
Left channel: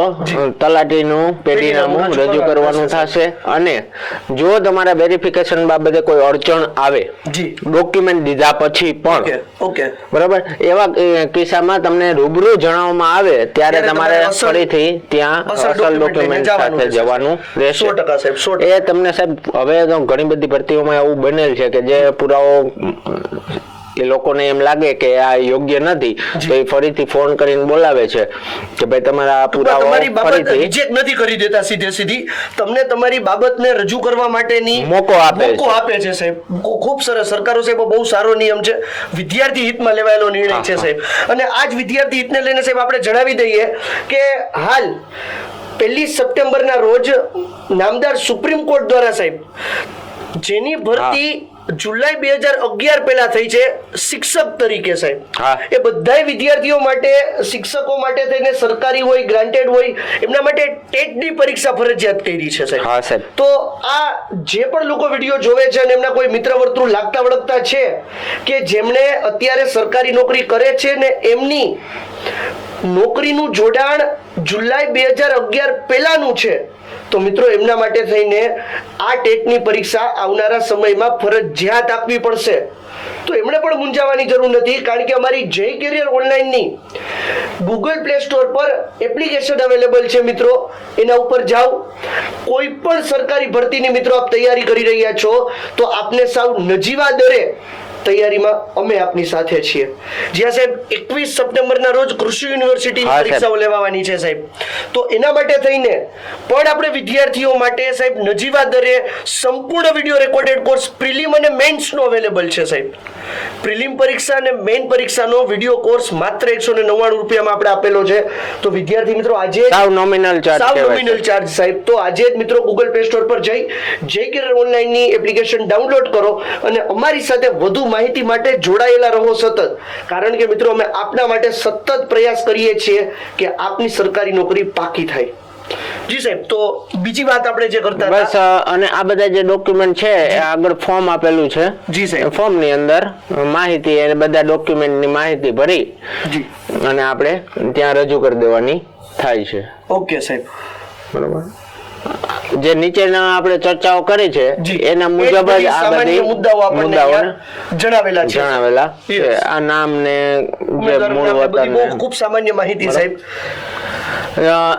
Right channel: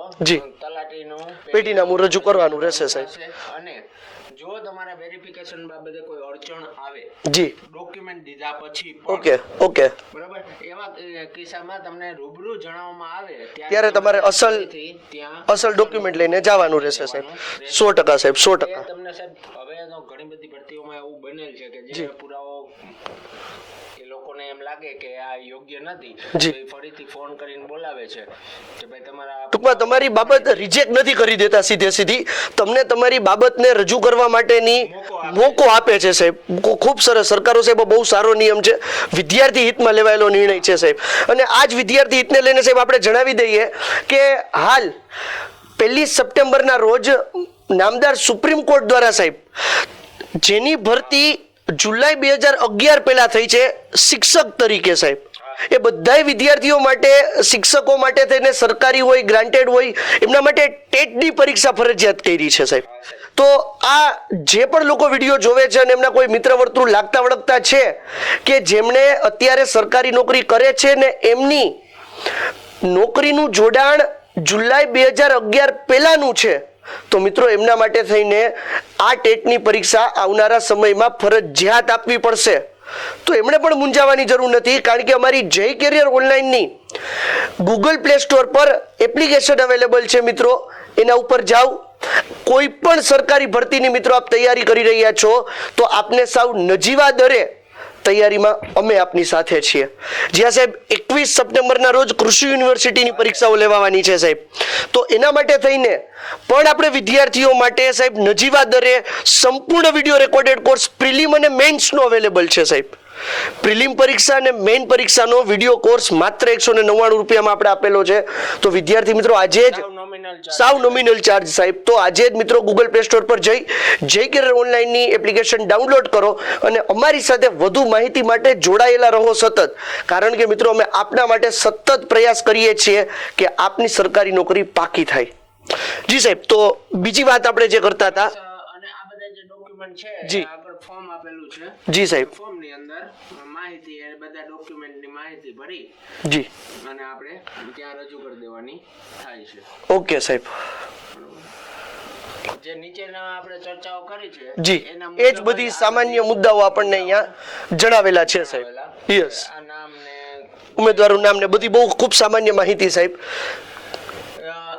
તલાટીનું પેઢીનામું રજૂ કરવાનું થશે, અને જો તમારા વેરિફિકેશન બાબતે કોઈ અડચણ આવે જી. ડોક્યુમેન્ટ દીધા પછી પણ ઓકે બરાબર? એવા કિસ્સામાં તમને રૂબરૂ જણાવવામાં આવે ત્યારે તમારે ફરીથી ત્યાં અસલ ડોક્યુમેન્ટ જવાનું રહેશે, સો ટકા સાહેબ, સો. એ તમને સાહેબ હવે તો ઘણી બધી ભરતીઓમાં એવું બનેલ છે કે જે પુરાવો એ લોકોને એમ લાગે કે આ યોગ્ય નથી. તો એ ફરીથી ફોન કરીને બોલાવે છે કે ભાઈ તમારા પુરાવા તમારી બાબત રિજેક્ટ નથી કરી દેતા સીધે સીધી. તમને તમારી બાબતને રજૂ કરવા માટેની મોકો આપે મોકો આપે છે સાહેબ. ખૂબ સરસ. સરકારો સાહેબ બહુ સારો નિયમ છે. વિદ્યાર્થી હિતમાં લેવાયેલો નિર્ણય છે સાહેબ. અને આ જ વિદ્યાર્થી હિતને લઈને સાહેબ આપણે જણાવી દઈએ કે હાલ પહેલી સપ્ટેમ્બરના રોજ નામદાર સુપ્રીમ કોર્ટ દ્વારા સાહેબ જેની ભરતી જુલાઈ બે હજાર અગિયાર પહેલા થઈ છે શિક્ષક તરીકે સાહેબ. એ બધાય વિદ્યાર્થીઓ માટે શિક્ષકો માટે થઈને સરકારી હોય ગ્રાન્ટેડ હોય એમના માટે ટેટની પરીક્ષા ફરજિયાત કરી છે સાહેબ. હા, સાહેબ. તો આ જે પણ લોકો વીડિયો જોવે છે અને એમના કોઈ મિત્ર વર્તુળ લાગતા વળગતા છે કે જેમણે અત્યારે સરકારી નોકરી કરે છે ને એમની નોકરીનું જોડાણ જુલાઈ બે હજાર અગિયાર પહેલાનું છે તો મિત્રો, એમના માટે થઈને આ ટેટની પરીક્ષા આવનારા સમયમાં ફરજિયાત આપવી પડશે. તો એમણે પણ મૂંઝાવાની જરૂર નથી, કારણ કે અમારી જય કેરિયર ઓનલાઈનની ગૂગલ પ્લે સ્ટોર પર એપ્લિકેશન અવેલેબલ છે મિત્રો. એના ઉપર જાઓ. કોઈ પણ સરકારી ભરતીની મિત્રો આપ તૈયારી કરી રહ્યા છો, તો આપને સાવ નજીવા દરે તૈયારીમાં અમે આપની સાથે છીએ. જ્યાં સાહેબ એકવીસ સપ્ટેમ્બરના રોજ કૃષિ યુનિવર્સિટીની પરીક્ષાઓ લેવાની છે સાહેબ. તો એના માટે થઈને પણ આપણે વિદ્યાર્થીઓ માટે સાહેબ નજીવા દરે સંપૂર્ણ વીડિયો રેકોર્ડેડ કોર્સ પ્રિલિમ અને મેઇન્સનો અવેલેબલ છે સાહેબ. પ્રિલિમ પરીક્ષા અને મેઇન પરીક્ષાનો વીડિયો કોર્સ માત્ર એકસો ને નવ્વાણું રૂપિયામાં આપણે આપેલો છે. તો વિદ્યાર્થી મિત્રો આજે સાવ નોમિનલ ચાર્જ સાવ નોમિનલ ચાર્જ સાહેબ. તો આજે જ મિત્રો ગૂગલ પ્લે સ્ટોર પર જઈ જે કેરર ઓનલાઈનની એપ્લિકેશન ડાઉનલોડ કરો અને અમારી સાથે વધુ માહિતી માટે જોડાયેલા રહો સતત. કારણ કે મિત્રો અમે આપના માટે સતત પ્રયાસ કરીએ છીએ કે આપની સરકારી નોકરી પાકી થાય. જી સાહેબ તો બીજી વાત આપણે જે કરતા બસ અને આ બધા જે ડોક્યુમેન્ટ છે એ આગળ ફોર્મ આપેલું છે. જી સાહેબ. ફોર્મની અંદર માહિતી અને બધા ડોક્યુમેન્ટની માહિતી ભરી. જી. અને આપણે ત્યાં રજૂ કરી દેવાની થાય છે. ઓકે સાહેબ. બરોબર? જે નીચેના આપણે ચર્ચાઓ કરી છે એના મુજબ જ આ બધી મુદ્દાઓ આપણને જણાવેલા છે જણાવેલા આ નામ ને ઉમેદવારો નામ બધી બહુ ખૂબ સામાન્ય માહિતી સાહેબ.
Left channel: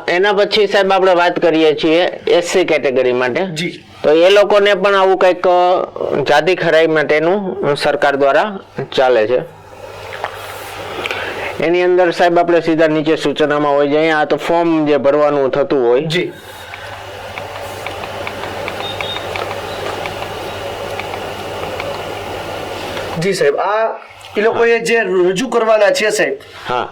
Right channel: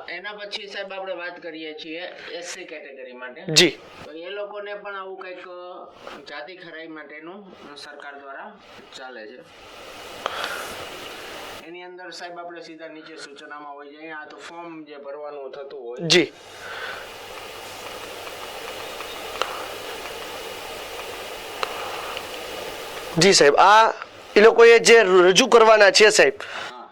એના પછી સાહેબ આપણે વાત કરીએ છીએ એસસી કેટેગરી માટે. જી. તો એ લોકોને પણ આવું કંઈક જાતિ ખરાઈ માટેનું સરકાર દ્વારા ચાલે છે. એની અંદર સાહેબ આપણે સીધા નીચે સૂચનામાં હોય જાય આ તો ફોર્મ જે ભરવાનું થતું હોય જી. જી સાહેબ આ એ લોકોએ જે રજૂ કરવાના છે સાહેબ હા.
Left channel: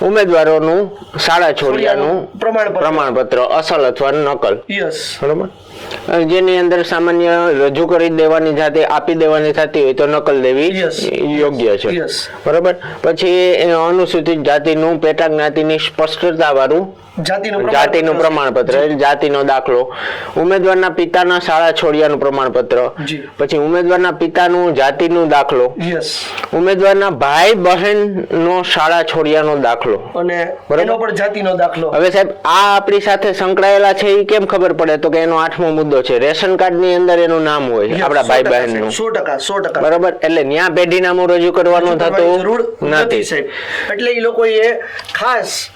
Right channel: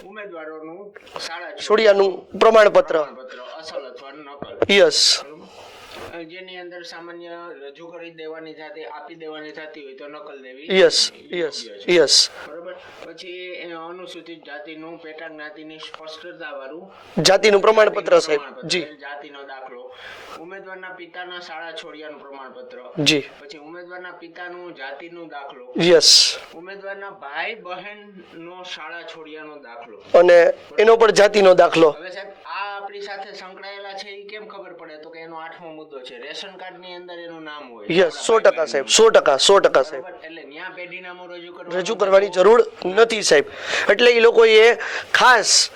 ઉમેદવારોનું શાળા છોડિયાનું પ્રમાણપત્ર. પ્રમાણપત્ર અસલ અથવા નકલ. યસ. બરોબર? જેની અંદર સામાન્ય રજૂ કરી દેવાની જાતે આપી દેવાની થતી હોય તો નકલ દેવી યોગ્ય છે. બરાબર? પછી અનુસૂચિત જાતિનું પેટા જ્ઞાતિની સ્પષ્ટતા વાળું જાતિનું પ્રમાણપત્ર જાતિનો દાખલો. ઉમેદવારના પિતાના શાળા છોડ્યાનું પ્રમાણપત્ર. પછી ઉમેદવારના પિતાનું જાતિનું દાખલો. યસ ઉમેદવારના ભાઈ બહેન નો શાળા છોડિયાનો દાખલો. અને. એનો પણ જાતિનો દાખલો. હવે સાહેબ આ આપણી સાથે સંકળાયેલા છે એ કેમ ખબર પડે? તો કે એનો આઠમો મુદ્દો છે. રેશન કાર્ડની અંદર એનું નામ હોય. આપણા ભાઈ બહેનનું સો ટકા સો ટકા. બરાબર? એટલે ન્યા પેઢી નામું રજૂ કરવાનું થતું જરૂર નથી. સાહેબ. એટલે એ લોકોએ ખાસ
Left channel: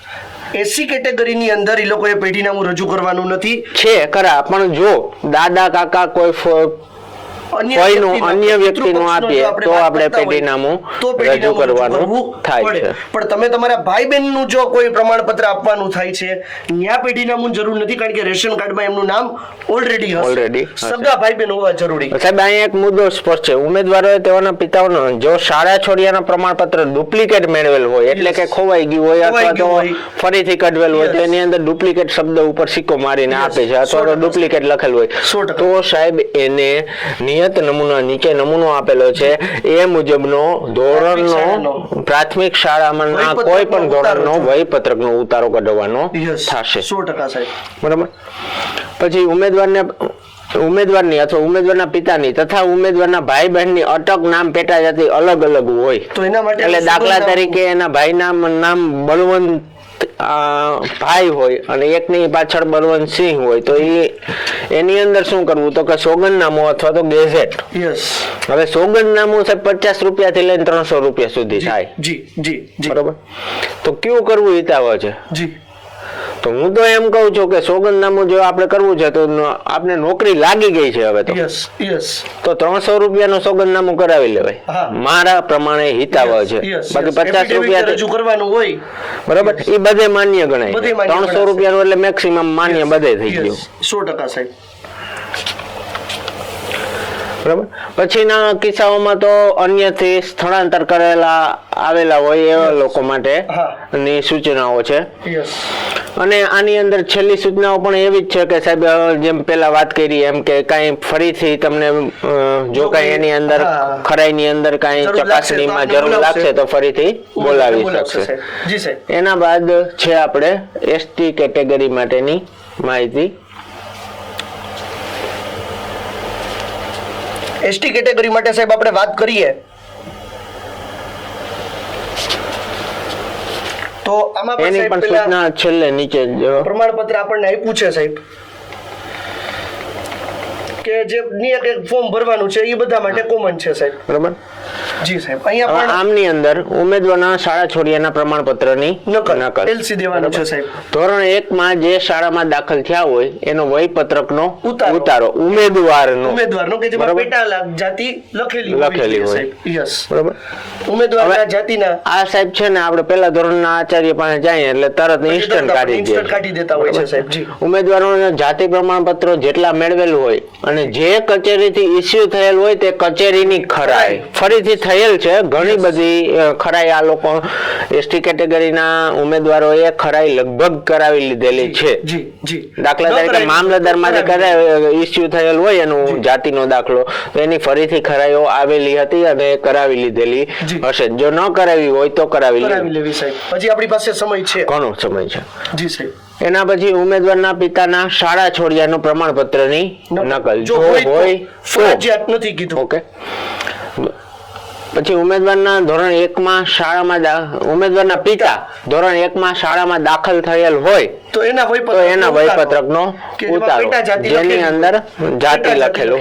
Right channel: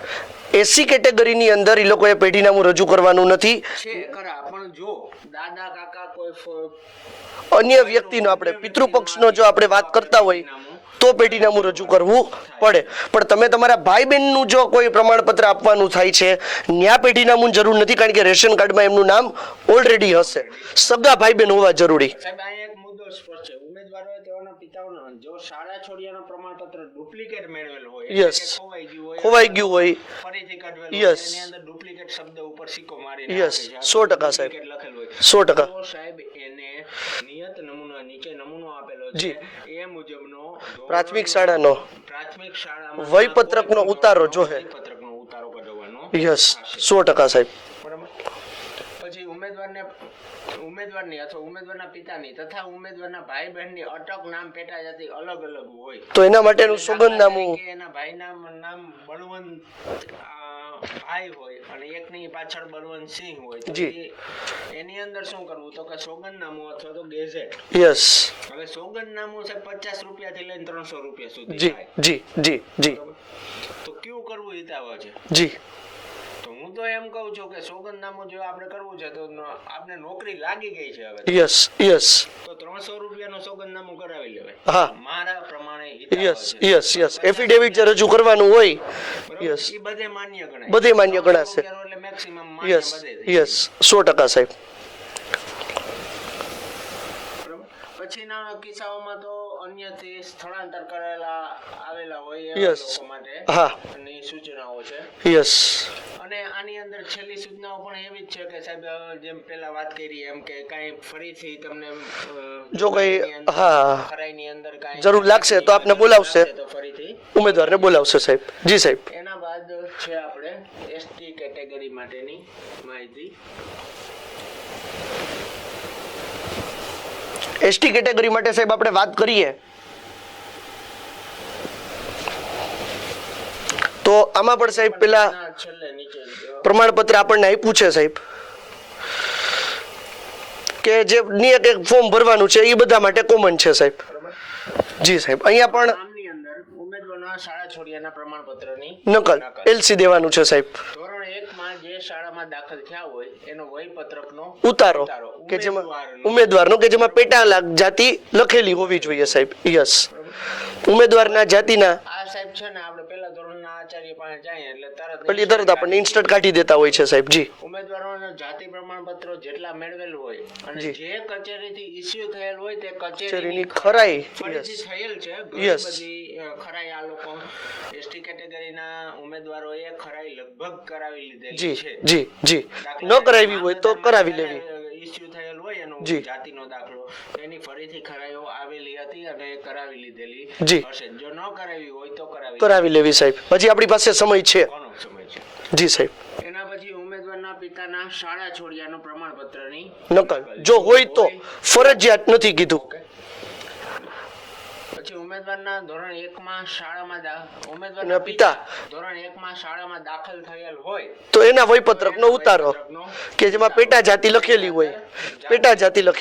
એસી કેટેગરીની અંદર એ લોકોએ પેઢીનામું રજૂ કરવાનું નથી. છે ખરા. પણ જો દાદા કાકા કોઈ કોઈનું અન્ય વ્યક્તિનું જો આપીએ આપણે તો વાત આપણે પેઢીનામું તો પેઢીનામું રજૂ રજૂ કરવાનું થાય છે. પણ તમે તમારા ભાઈ બહેનનું જો કોઈ પ્રમાણપત્ર આપવાનું થાય છે ન્યા પેઢીનામું જરૂર નથી કારણ કે રેશન કાર્ડમાં એમનું નામ ઓલરેડી Already હશે હશે. સગા ભાઈ બહેન હોવા જરૂરી સાહેબ અહીંયા એક મુદ્દો સ્પષ્ટ છે ઉમેદવારોએ તેઓના પિતાઓનો જો શાળા છોડિયાના પ્રમાણપત્ર ડુપ્લિકેટ મેળવેલ હોય એટલે કે ખોવાઈ ગયું હોય અથવા તો. ફરીથી કઢવેલ હોય. એની અંદર ડુપ્લિકેટ શબ્દ ઉપર સિક્કો મારીને. આપે છે અથવા ડુપ્લિકેટ લખેલ હોય તો સાહેબ એને નિયત નમૂનો નીચે નમૂનો આપેલો છે. એ મુજબનો ધોરણનો પ્રાથમિક શાળામાં કોઈ પણ ધોરણનો વયપત્રકનો ઉતારો કઢવાનો થશે. સો ટકા સાહેબ. બરાબર? પછી ઉમેદવારને ઉમેદવારની અથવા ઉમેદવારના પિતાની તથા ઉમેદવારના ભાઈ બહેનની અટક નામ પેટા જાતિ અલગ અલગ હોય. તો એના માટે એટલે દાખલા તરીકે એના ભાઈ નામ નામ બળવંત ભાઈ હોય અને એકની પાછળ બળવંત સિંહ હોય તો એ એની અંદર શું કરવું? તો કે સોગંદનામું અથવા તો ગેઝેટ. યસ હવે સોગંદનામું સાહેબ પચાસ રૂપિયા થી લઈને ત્રણસો રૂપિયા સુધી થાય. જી જી જી. બરોબર? તો કયું કરવું હિતાવ છે જી. તો હું તો એમ કહું છું કે સોગંદનામું જો આપણે કરવું છે તો આપણે નોકરી લાગી ગઈ છે હવે તો. યસ યસ તો ત્રણસો રૂપિયાનું સોગંદનામું કરાવી લેવાય. મારા પ્રમાણે હિતાવ છે. બાકી પચાસ રૂપિયા રજૂ કરવાનું હોય. બરાબર? એ બધે માન્ય ગણાય. ત્રણસો. રૂપિયાનું એટલે મેક્સિમમ માન્ય બધે થઈ ગયું. સો ટકા સાહેબ. બરાબર? પછીના કિસ્સાઓમાં તો અન્યથી સ્થળાંતર કરેલા આવેલા હોય એવા લોકો માટે ની સૂચનાઓ છે. યસ અને આની અંદર છેલ્લી સૂચનાઓ પણ એવી જ છે કે સાહેબ જેમ પેલા વાત કરી એમ કે કાંઈ ફરીથી તમને જો કાંઈ એની અંદર. ખરાઈની અંદર કાંઈ ચકાસણીમાં જરૂર લાગશે તો ફરીથી બોલાવી શકશે. જી સાહેબ. એના બાદ છે આપણે એસટી કેટેગરી માટેની માહિતી. એસટી કેટેગરી માટે સાહેબ આપણે વાત કરીએ. તો આમાં પણ સાહેબ પેલા છેલ્લે નીચે પ્રમાણપત્ર આપણને આપ્યું છે સાહેબ. કે જે નિયત એક ફોર્મ ભરવાનું છે એ બધા માટે કોમન છે સાહેબ. બરાબર. જી સાહેબ અહીંયા પણ આમની અંદર ઉમેદવારના શાળા છોડ્યાના પ્રમાણપત્રની નકલ એલસી દેવાનું છે સાહેબ. ધોરણ એક માં જે શાળામાં દાખલ થયા હોય એનો વયપત્રકનો ઉતારો. ઉતારો. ઉમેદવારનો. ઉમેદવારનો કે જેમાં. પેટા જાતિ લખેલી હોવી જોઈએ સાહેબ. યસ બરાબર? ઉમેદવારના જાતિના. આ સાહેબ છે ને આપણે પહેલા ધોરણના આચાર્ય પાસે જાય એટલે તરત ઇન્સ્ટન્ટ કાઢી ઇન્સ્ટન્ટ કાઢી દેતા હોય છે સાહેબજી ઉમેદવારોના જાતિ પ્રમાણપત્રો જેટલા મેળવેલું હોય અને જે. કચેરીથી ઇસ્યુ થયેલ હોય તે કચેરીની ખરાઈ. ફરીથી થયેલ છે ઘણી બધી ખરાઈ આ લોકો એસટી કેટેગરીના ઉમેદવારોએ ખરાઈ લગભગ કરાવી લીધેલી છે. જી જી. દાખલા તરીકે મામલતદાર ઇસ્યુ થયેલ હોય એનું જાતિનો દાખલો. તો એની ફરીથી ખરાઈઓ આવેલી હતી અને કરાવી લીધેલી. હશે. જો ન કરાવી હોય તો કરાવી કરાવી લેવી. સાહેબ. પછી આપણી પાસે સમય છે. ઘણો સમય છે? જી સાહેબ. એના પછી ઉમેદવારના પિતાના શાળા છોડ્યાનું પ્રમાણપત્રની નકલ. જો હોય ફરજિયાત નથી કીધું. ઓકે. પછી ઉમેદવારના ધોરણ એકમાં શાળામાં ઉમેદવારના પિતા ધોરણ એકમાં શાળામાં દાખલ થયેલ હોય તો એના વયપત્રક એના વયપત્રકનો કે જેમાં. પેટા જાતિ લખેલી અંદર જાતિ લખેલું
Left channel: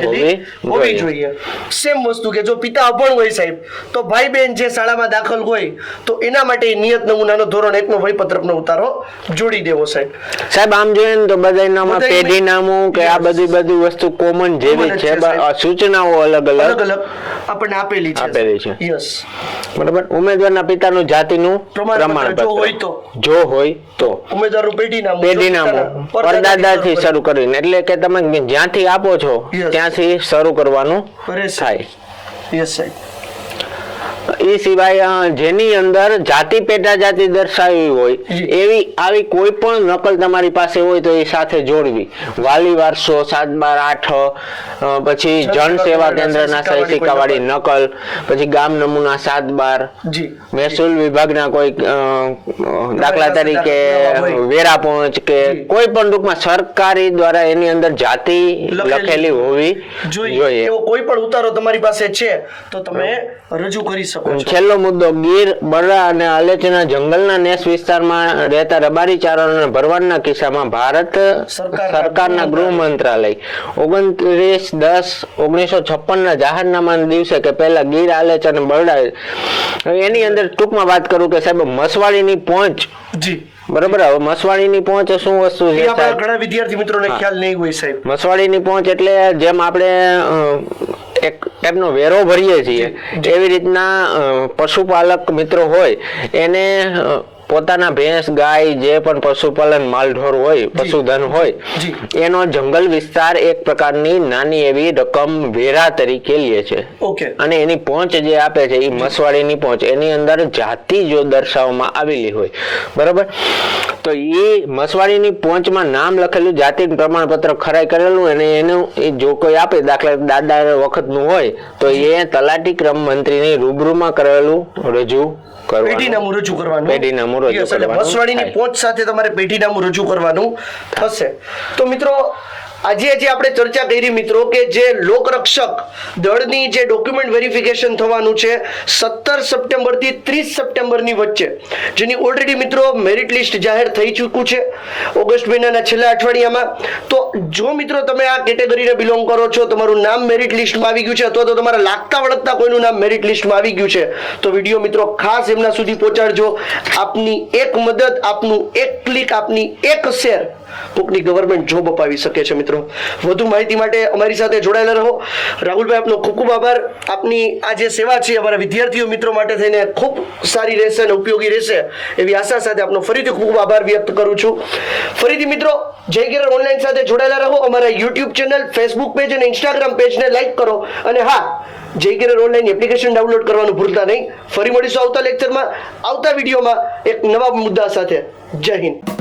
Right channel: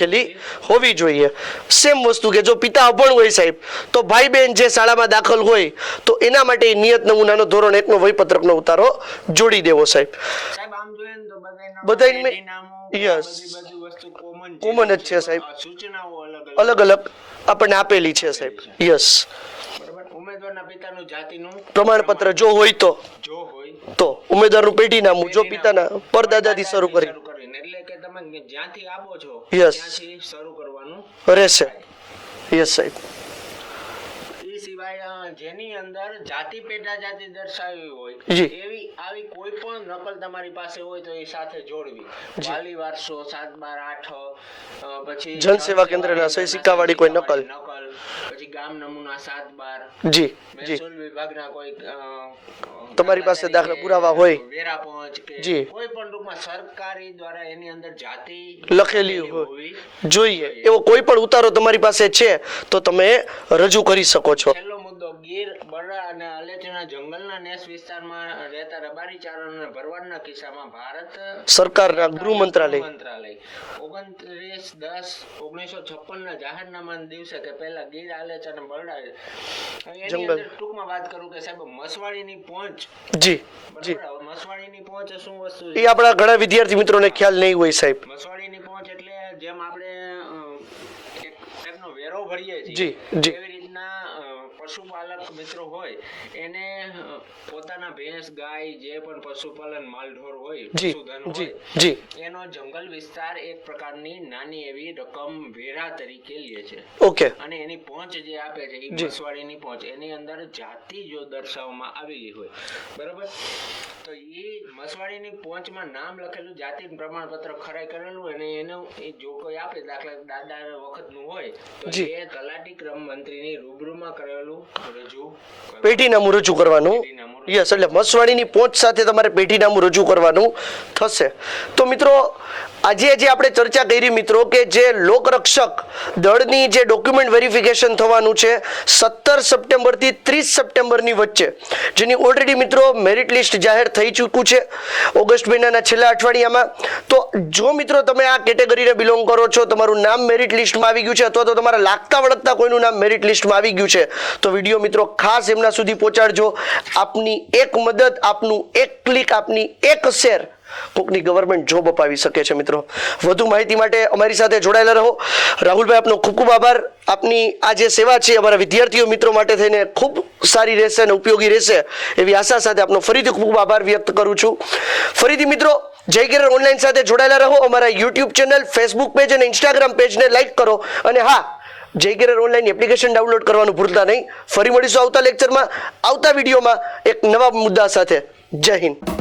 હોવી જોઈએ. સેમ વસ્તુ કે જો પિતા અપણ હોય સાહેબ તો ભાઈ બહેન જે શાળામાં દાખલ હોય તો એના માટે નિયત નમૂનાનો ધોરણ એકનો વયપત્રકનો ઉતારો જોડી દેવો સાહેબ. સાહેબ આમ જોઈએ ને તો બધાયનામાં બધાયની- પેઢી નામું કે આ બધી બધી વસ્તુ કોમન જેવી છે સૂચનાઓ અલગ અલગ અલગ અલગ આપણને આપેલી છે. છે. યસ બરાબર? ઉમેદવારના પિતાનું જાતિનું પ્રમાણપત્ર. જો હોય તો. જો હોય તો. ઉમેદવારનું પેઢી નામું જો પેઢી પિતાના નામું પરદાદાથી શરૂ કરીને. એટલે કે તમે જ્યાંથી આપો છો ત્યાંથી શરૂ કરવાનું કરી. રહેશે યસ સાહેબ. એ સિવાય જેની અંદર જાતિ પેટા જાતિ દર્શાવી હોય એવી આવી કોઈ પણ નકલ તમારી પાસે હોય તો એ સાથે જોડવી. વાલી વારસો સાત બાર આઠ પછી જન સેવા કેન્દ્રના કોઈ નકલ? પછી ગામ નમૂના સાત બાર મહેસૂલ વિભાગના કોઈ દાખલા તરીકે વેરા પહોંચ કે કોઈ પણ ટૂંકમાં સરકારી દ્વારા એની અંદર જાતિ લખેલી હોવી જોઈએ. એવો કોઈ પણ ઉતારો તમારી પાસે છે તો તમે રજૂ કરી શકો છો છેલ્લો મુદ્દો ગીર બરડા અને આલેચના જંગલના નેસ વિસ્તારમાં રહેતા રબારી ચારણોને ભરવાડના કિસ્સામાં ભારત સરકાર સરકારના ગૃહ મંત્રાલય. ઓગણત્રીસ દસ ઓગણીસો છપ્પન ના જાહેરનામાના દિવસે કે પહેલા ગીર આલેચ અને બરડા. એની અંદર ટૂંકમાં વાત કરું કે સાહેબ મસવાડીની પહોંચ જી. બરોબર હવે મસવાડીની પહોંચ શું વસ્તુ છે આપણા ઘણા વિદ્યાર્થી મિત્રોને ખ્યાલ નહીં હોય સાહેબ. મસવાડીની પહોંચ એટલે જેમ આપણે એક ટાઈપનો વેરો ભરીએ છીએ એવી રીતના પશુપાલક મિત્રો હોય એને પોતાના ભેંસ ગાય જે પણ પશુપાલન માલઢોર હોય પશુધન હોય એનો જંગલ વિસ્તાર એક પ્રકારની નાની એવી રકમ વેરા તરીકે લે છે. ઓકે. અને એની પહોંચ જે આપે છે એ મસવાડીની પહોંચ એની અંદર જાતિ જો દર્શાવવામાં આવેલી હોય. બરાબર? તો એ મસવાડીની પહોંચમાં નામ લખેલું જાતિ પ્રમાણપત્ર ખરાઈ કરેલું અને એનું એ જો કોઈ આપે દાખલા દાદા વખતનું હોય તો એ તલાટી ક્રમ મંત્રીની રૂબરૂમાં કરેલું રજૂ પેઢીનામું રજૂ કરવાનું. પેઢીનામું રજૂ એટલે થાય. પહોંચ સાથે તમારે પેઢીનામું રજૂ કરવાનું થશે. તો મિત્રો આજે જે આપણે ચર્ચા કરી મિત્રો કે જે લોકરક્ષક દળની જે ડોક્યુમેન્ટ વેરિફિકેશન થવાનું છે, સત્તર સપ્ટેમ્બરથી ત્રીસ સપ્ટેમ્બરની વચ્ચે, જેની ઓલરેડી મિત્રો મેરિટ લિસ્ટ જાહેર થઈ ચૂક્યું છે ઓગસ્ટ મહિનાના છેલ્લા અઠવાડિયામાં. તો જો મિત્રો તમે આ કેટેગરીને બિલોંગ કરો છો, તમારું નામ મેરિટ લિસ્ટમાં આવી ગયું છે, અથવા તો તમારા લાગતા વળગતા કોઈનું નામ મેરિટ લિસ્ટમાં આવી ગયું છે, તો વીડિયો મિત્રો ખાસ એમના સુધી પહોંચાડજો. આપની એક મદદ, આપનું એક ક્લિક આપની એક શેર કોકની ગવર્મેન્ટ જોબ અપાવી શકે છે મિત્રો. વધુ માહિતી માટે અમારી સાથે જોડાયેલા રહો. રાહુલભાઈ, આપનો ખૂબ ખૂબ આભાર. આપની આ જે સેવા છે, અમારા વિદ્યાર્થીઓ મિત્રો માટે થઈને ખૂબ સારી રહેશે અને ઉપયોગી રહેશે એવી આશા સાથે આપનો ફરીથી ખૂબ આભાર વ્યક્ત કરું છું. ફરીથી મિત્રો, જય કિરણ ઓનલાઈન સાથે જોડાયેલા રહો. અમારા યુટ્યુબ ચેનલ ફેસબુક પેજ અને ઇન્સ્ટાગ્રામ પેજને લાઈક કરો. અને હા, જય કિરણ ઓનલાઈન એપ્લિકેશન ડાઉનલોડ કરવાનું ભૂલતા નહીં. ફરી મળીશું આવતા લેક્ચરમાં આવતા વિડીયોમાં એક નવા મુદ્દા સાથે. જય હિન્દ.